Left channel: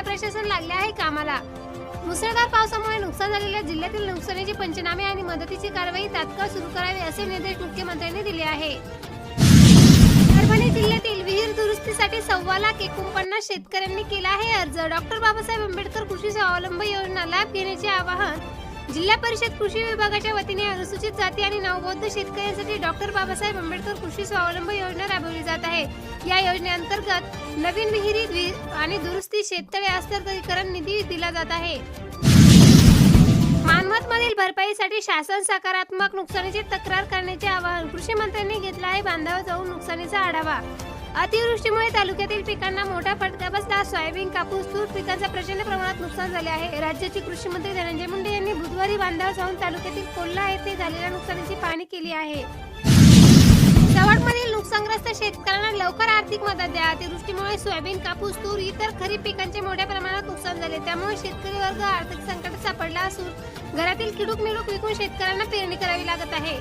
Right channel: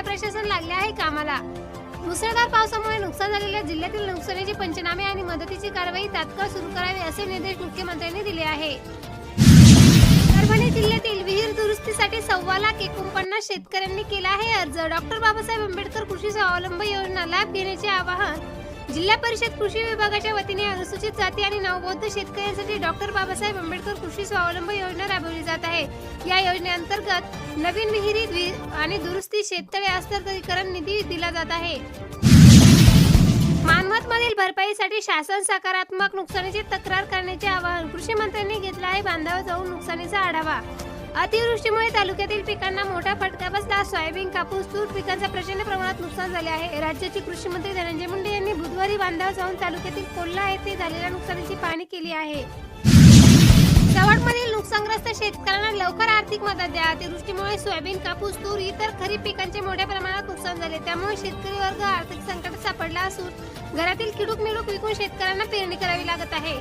जिल्हा प्रशासन लागले आहे कामाला. मुसळधार पावसामुळे नुकसान झालेल्या जिल्ह्यातील नुकसानीचे पंचनामे आणि मदतीची कारवाई तात्काळ सुरू करावी असे निर्देश मुख्यमंत्र्यांनी दिले आहे. परभणी जिल्ह्यातील विहीर दुरुस्तीसाठी सव्वा लाख एकोणपन्नास शेतकऱ्यांनी केला आहे अर्ज. डॉक्टर बाबासाहेब आंबेडकर कृषी स्वावलंब योजना लाभ घेण्याचे आवाहन जिल्हा परिषद कृषी विभागाच्या वतीने अनुसूचित जाती आणि नवबौद्ध शेतकऱ्यांसाठी डॉक्टर बाबासाहेब आंबेडकर कृषी स्वावलंब योजना राबवली जात आहे. या योजनेअंतर्गत नवीन विहिरी द्वि- आणि दुरुस्ती शेततळे हस्तांतरीकरण निधी दिला जात आहे. मानवत मधील भरपाईसाठी शासन सकारात्मक नुकसानीची तक्रार करण्याचे आवाहन कृषी मंत्र्यांनी घेतलं आहे. बांधावर जाऊन नुकसानीचा आढावा अतिवृष्टीमुळे तालुक्यातील पिकांना मोठा फटका बसला. सोयाबीन कापूस तूर पिकांचा प्रचंड प्रमाणात नुकसान झाले आहे. राज्याचे कृषी मंत्री धनंजय मुंडे यांनी बुधवारी बांधावर जाऊन तालुक्यातील कोल्हा येथे झालेल्या नुकसानीची पाहणी केली आहे. चवडमधील नुकसानग्रस्त शेतकऱ्यांना लवकर आर्थिक मदत द्या. अतिवृष्टीमुळे सोयाबीन कापूस तूर इतर खरीप पिकांचे मोठ्या प्रमाणात नुकसान झाले. त्यामुळे शेतकरी वर्ग आर्थिक संकटात सापडला असून घरातील किडूक मिडूक विकून शेतकऱ्यांना पेरणी करावी लागत आहे.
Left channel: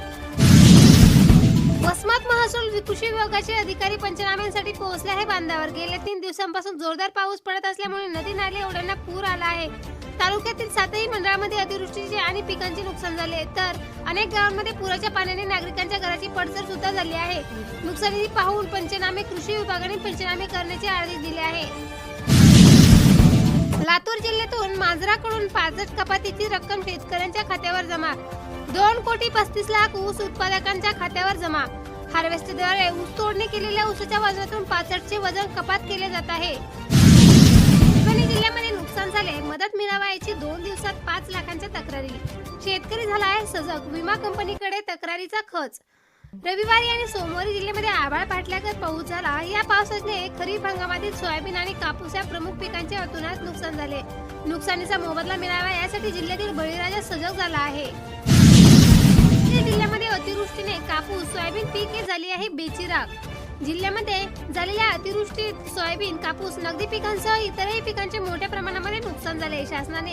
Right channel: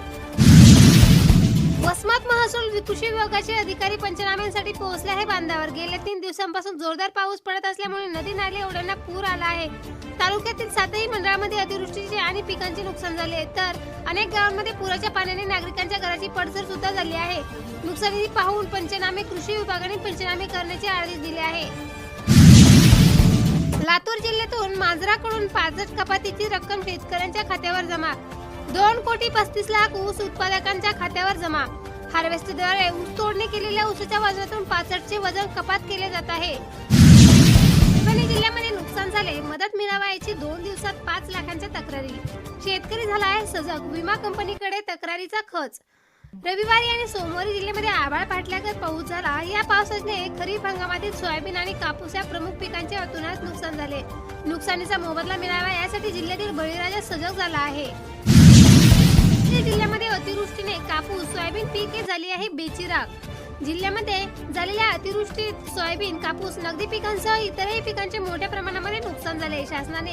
वसमत महसूल कृषी विभागाचे अधिकारी पंचनाम्यांसाठी पोहोचले आहे बांधावर. गेल्या तीन दिवसांपासून जोरदार पाऊस पडत असल्यामुळे नदी नाले ओढ्यांना पूर आला आहे. तालुक्यातील सातही मंडळामध्ये अतिवृष्टीचे आणि पिकांचे नुकसान झाले तर अनेक गावांमध्ये पुराच्या पाण्याने नागरिकांच्या घराची पडझड सुद्धा झाली आहे. नुकसानी पाहून पंचनामे कृषी विभागाने पंचनामे करण्याचे आदेश दिले आहे. लातूर जिल्ह्यातून मांजराकडून पाजट कपातीची रक्कम शेतकऱ्यांच्या खात्यावर जमा दोन कोटी पस्तीस लाख ऊस उत्पादकांच्या खात्यावर जमा. हार्वेस्टरद्वारे ऊस तोडणी केलेल्या ऊसाच्या वजनातून पाचटचे वजन कपात केले जात आहे. परभणी जिल्ह्यामध्ये नुकसान झाले मदत मिळावा याची दोन दिवसात पाच लाखांच्या तक्रारी. शेतकरी झाला आहे सजग विमा कंपनीकडे तक्रारीचा खच. रविवारी आणि सोमवारी जिल्ह्यामध्ये आभाळ फाटल्यागत पाऊस झाला. या पावसाने खरीप हंगामातील सोयाबीन आणि कापूस या प्रमुख पिकांचे अतुनात नुकसान झाले. नुकसानीचा मोबदला मिळावा यासाठी जिल्ह्यातील बळीराजा सजग झाला आहे. सोयाबीन पिके झाली आहे बेचिराग जिल्ह्यामध्ये झालेल्या अतिवृष्टीत सोयाबीन कापूस नगदी पिकांसह इतरही पिकांचे मोठ्या प्रमाणामध्ये नुकसान झाले शासनाने.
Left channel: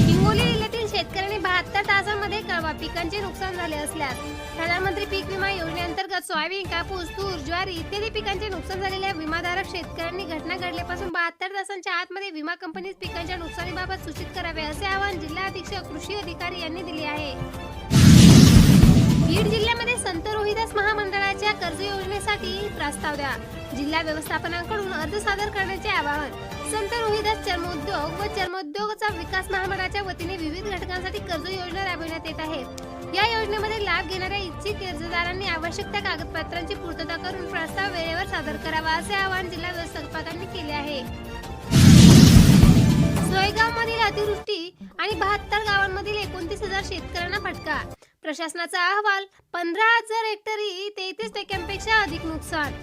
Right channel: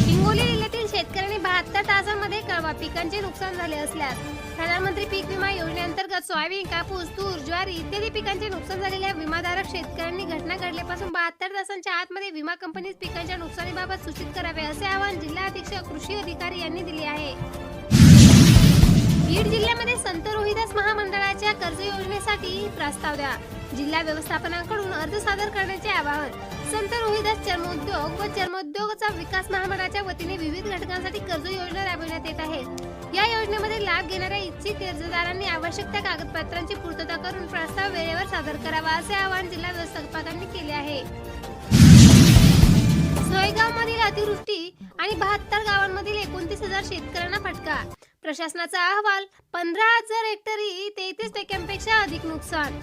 हिंगोली जिल्ह्यातील शेतकऱ्यांनी बहात्तर तासांमध्ये कळवा पिकांचे नुकसान झाले असल्यास प्रधानमंत्री पीक विमा योजनेअंतर्गत सोयाबीन कापूस तूर ज्वारी इत्यादी पिकांचे नुकसान झालेल्या विमाधारक शेतकऱ्यांनी घटना घडल्यापासून बहात्तर तासांच्या आतमध्ये विमा कंपनीस पिकांच्या नुकसानीबाबत सूचित करावे असे आवाहन जिल्हा अधीक्षक कृषी अधिकारी यांनी दिले आहे. बीड जिल्ह्यामध्ये संत रोहिदास महामंडळाच्या कर्ज योजनेसाठी प्रस्ताव द्या. जिल्हा व्यवस्थापनाकडून अर्ज सादर करण्याचे आवाहन संत रोहिदास चर्मोद्योग व चर्मोद्योगाचा विकास महामंडळाच्या वतीने विविध घटकांसाठी कर्ज योजना राबविण्यात येत आहे. या योजनेमध्ये लाभ घेणाऱ्या इच्छित कर्जदारांनी आवश्यक त्या कागदपत्रांची पूर्तता करून प्रस्ताव वेळेवर सादर करावा असे आवाहन जिल्हा व्यवस्थापकांनी केले आहे. सोयगाव मधील अतिवृष्टी आणि बहात्तर गावांमधील एकोणतीस हजार शेतकऱ्यांना फटका. प्रशासनाचा अहवाल पंधरा हजार हेक्टरी तेहतीस टक्क्यांपेक्षा अधिक नुकसान.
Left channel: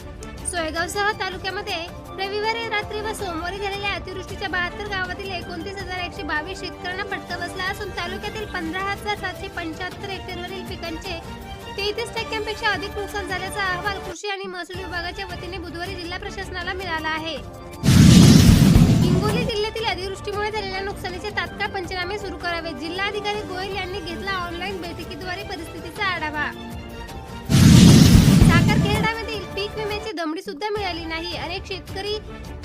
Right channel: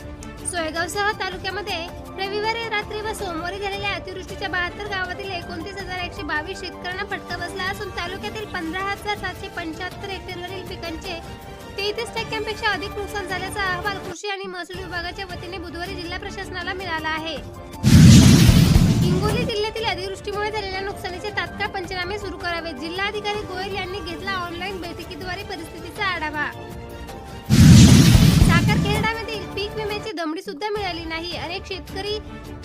सोयगावसह तालुक्यामध्ये रविवारी रात्री व सोमवारी झालेल्या अतिवृष्टीच्या बहात्तर गावातील एकोणतीस हजार एकशे बावीस शेतकऱ्यांना फटका बसला असून तालुक्यातील पंधरा हजार सातशे पंच्याहत्तर हेक्टरवरील पिकांचे तेहतीस टक्क्यांपेक्षा अधिक नुकसान झाल्याचा अहवाल कृषी आणि महसूल विभागाच्या वतीने बुधवारी जिल्हा प्रशासनाला मिळाला आहे. पंचनामे सुरू करावे जिल्हाधिकारी गोयल यांनी घेतला ऑनलाईन बैठकीद्वारे परिस्थितीचा आढावा. साखरखेडामधील पीक विम्याची दमडी सुद्धा मिळाली नाही. अनेक शेतकरी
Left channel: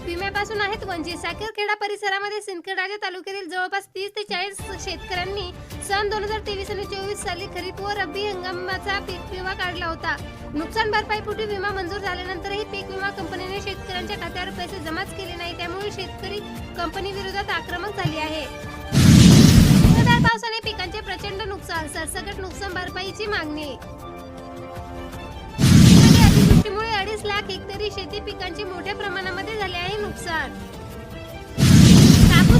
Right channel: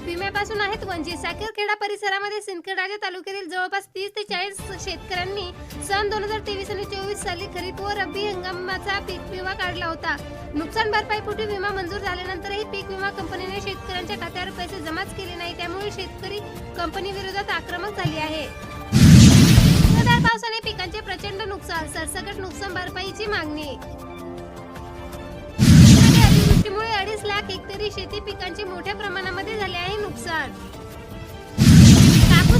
विम्यापासून आहेत वंचित. साखरखेडा परिसरामध्ये सिंदखेडाच्या तालुक्यातील जवळपास तीस ते चाळीस शेतकऱ्यांनी सन दोन हजार तेवीस आणि चोवीस साली खरीप व रब्बी हंगामाचा पीक विमा काढला होता. नुकसान भरपाईपोटी विमा मंजूर झाल्यानंतरही पीक विमा कंपनीने शेतकऱ्यांच्या खात्यावर पैसे जमाच केले नाही. त्यामुळे शेतकरी कंपनी विरोधात आक्रमक झाली आहे. पावसाने पिकांचे प्रचंड नुकसान सरसकट नुकसान भरपाईची मागणी. अतिवृष्टीमुळे अडीच लाख हेक्टरी शेती पिकांचे मोठ्या प्रमाणामध्ये झाले आहे नुकसान.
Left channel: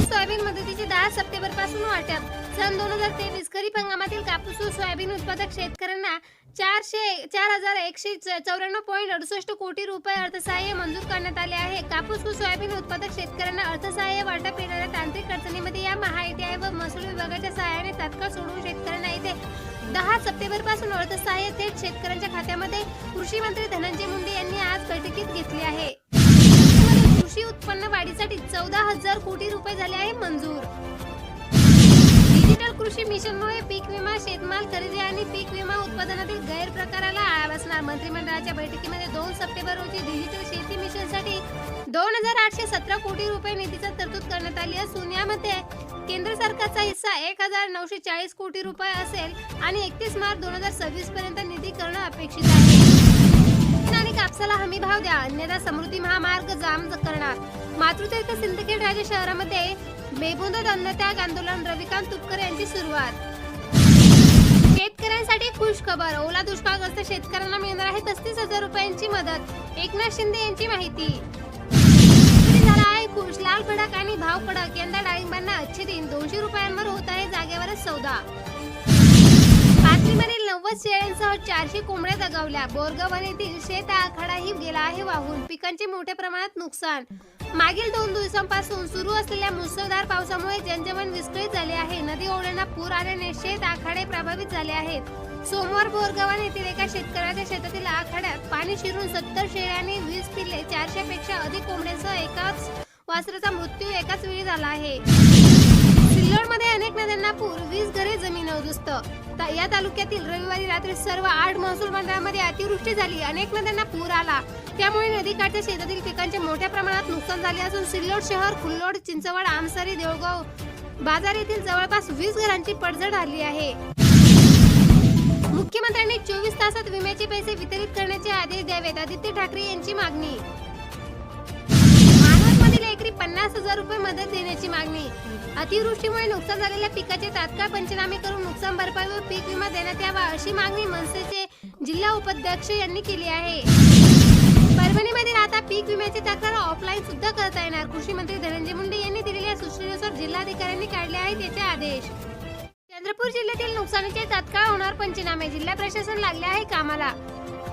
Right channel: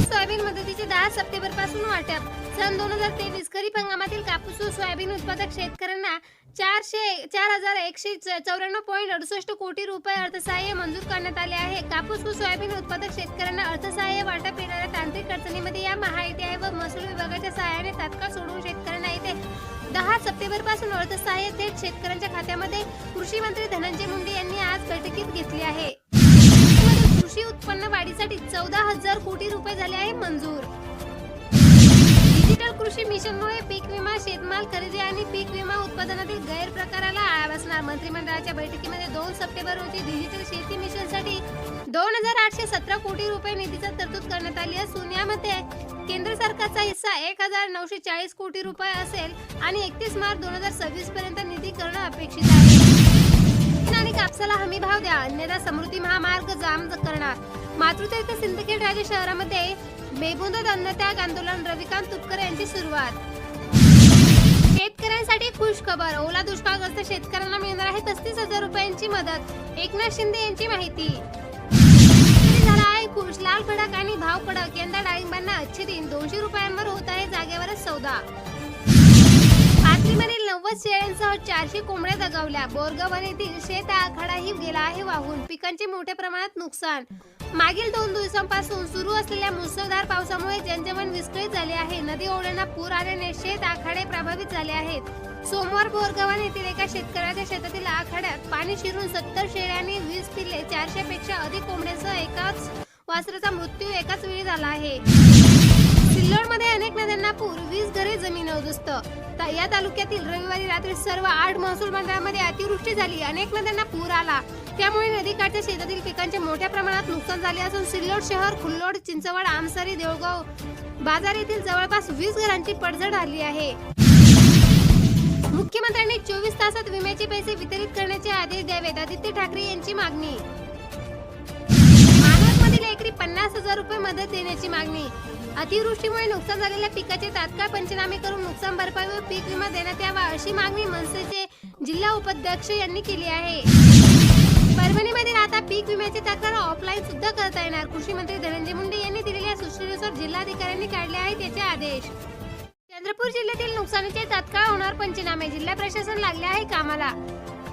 सोयाबीन मदतीचे दहा सप्टेंबरपासून वाटप. सन दोन हजार तेवीस खरीप हंगामातील कापूस व सोयाबीन उत्पादक शेतकऱ्यांना चारशे चार हजार एकशे चौऱ्याण्णव पॉईंट अडुसष्ट कोटी रुपये अर्थसहाय्य मंजूर करण्यात आले आहे. कापूस व सोयाबीन उत्पादक शेतकऱ्यांना अर्थसहाय्य वाटप येणाऱ्या तांत्रिक अडचणीमध्ये या महाआयटीआय व महसूल विभागाच्या सहाय्याने तात्काळ सोडून शेतकऱ्यांना येते दहा सप्टेंबरपासून अर्थसहाय्य थेट शेतकऱ्यांच्या खात्यामध्ये. कृषी मंत्री धनंजय मुंडे यांनी आज बैठकीत घेतली आहे. कृषी उत्पन्न वाढीसाठी चौदा हजार कोटी रुपये झाले आहे मंजूर. डिजिटल कृषी मिशनमुळे पीक विमा शेतमाल खरेदी आणि पीक विमा उत्पादनातील गैरप्रकाराला आळा बसणार. मंत्रिमंडळाच्या बैठकीमध्ये दोन सप्टेंबर रोजी डिजिटल शेती मिशनसाठी दोन हजार आठशे सतरा कोटी रुपये निधीचा तरतूद करण्यात आली असून यामध्ये केंद्र सरकारचा हिस्सा एक हजार नऊशे चाळीस कोटी रुपये असेल आणि एकतीस मार्च दोन हजार सव्वीस पर्यंत निधी करणं अपेक्षित आहे. आणि कापसाला हमी भाव द्या. अन्यथा समृद्धी महामार्ग जाम करणार. मातृतीर्थ सिंदखेड राजे शहरामध्ये बेबुंदत अन्नत्याग आंदोलन. रविकांत तुपकर यांची सुरुवात. शेतकऱ्यांसाठी खुश खबर. ओला दुष्काळग्रस्त शेतकऱ्यांना मिळणार आहे पस्तीस हजार रुपयांची मदत. एकनाथ शिंदे यांची माहिती. झाला आहे? खुश लाल भडक आणि भाव कडक यंदा डाळिंबांना अच्छे दिन. दोनशे रुपयांवर होत आहे जागेवरच सौदा. पाथरीमधील नव्वद शेळ्यांसह चारशे कोंबड्या दगावल्या. बोरगावन येथील शेत आखाडाही गेला आहे वाहून. पिकांचे मोठ्या प्रमाणात नुकसान. मागील दोन दिवसांपासून सुरू असलेल्या मुसळधार पावसामुळे जनजीवन विस्कळीत झाले आहे. नदी ओढ्यांना पूर आल्याने शेत आखाडे प्रभावित झाले आहेत. सोमवार बोरगावन येथील एका शेतकऱ्याच्या शेतातील आखाड्यात पाणी शिरून सत्तर शेळ्यांनी वीस पिल्ले चारशे पेक्षा अधिक कोंबड्यांसह एकाच वासराचा मृत्यू एकाच वेळी झाला आहे. सिल्लोडमध्ये अनेक नद्यांना पूर वीस घरे जमीन उद्ध्वस्त या तालुक्यातील रविवारी रात्री सर्व आठ महसूल मंडळामध्ये अतिवृष्टी झाली. अनेक नद्यांना पूर आला. त्यामुळे नदीकाठच्या शेतातील पिकांचे मोठ्या प्रमाणात नुकसान झाले असून सिल्लोड शहर कुल्लोड चिंचवड आमसरी देवगाव बाजार येथील जवळपास वीस घरांची पडझड आली आहे. मुख्यमंत्र्यांनी चोवीस तासात विम्याचे पैसे वितरित करण्याचे आदेश द्यावेत आदित्य ठाकरे यांची मागणी. शेतकरी पन्नास हजार रुपये मदत देण्याची मागणी. अतिवृष्टीमुळे नुकसान झालेल्या पिकाचे तात्काळ पंचनामे करून नुकसान भरपाई व पीक विमा देण्यात यावा अशी मागणी मनसेचे जिल्हा उपाध्यक्ष यांनी केली आहे. परभणीमध्ये आता पीक विम्याची तक्रार ऑफलाईन सुद्धा करता येणार. कृषी मंत्री धनंजय मुंडे यांनी दिलेल्या सूचनेनुसार जिल्हाधिकाऱ्यांनी काढले आहेत त्याचे आदेश. चंद्रपूर जिल्ह्यातील नुकसानीचे तात्काळ होणार पंचनामे. जिल्हा प्रशासन लागले आहे कामाला.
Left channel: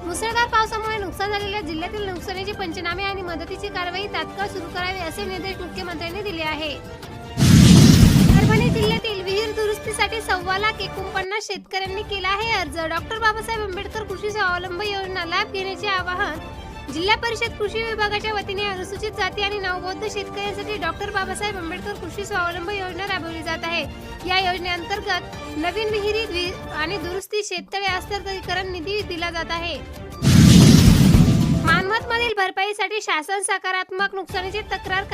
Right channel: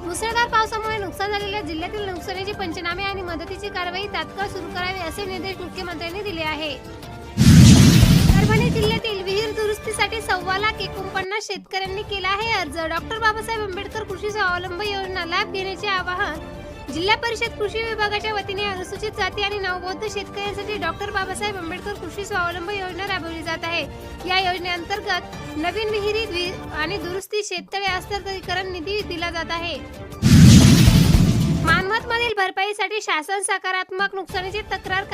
मुसळधार पावसामुळे नुकसान झालेल्या जिल्ह्यातील नुकसानीचे पंचनामे आणि मदतीची कारवाई तात्काळ सुरू करावी असे निर्देश मुख्यमंत्र्यांनी दिले आहे. परभणी जिल्ह्यातील विहीर दुरुस्तीसाठी सव्वा लाख एकोणपन्नास शेतकऱ्यांनी केला आहे अर्ज. डॉक्टर बाबासाहेब आंबेडकर कृषी स्वावलंब योजना लाभ घेण्याचे आवाहन जिल्हा परिषद कृषी विभागाच्या वतीने अनुसूचित जाती आणि नवबौद्ध शेतकऱ्यांसाठी डॉक्टर बाबासाहेब आंबेडकर कृषी स्वावलंब योजना राबवली जात आहे. या योजनेअंतर्गत नवीन विहिरी द्वि- आणि दुरुस्ती शेततळे हस्तांतरीकरण निधी दिला जात आहे. मानवत मधील भरपाईसाठी शासन सकारात्मक नुकसानीची तक्रार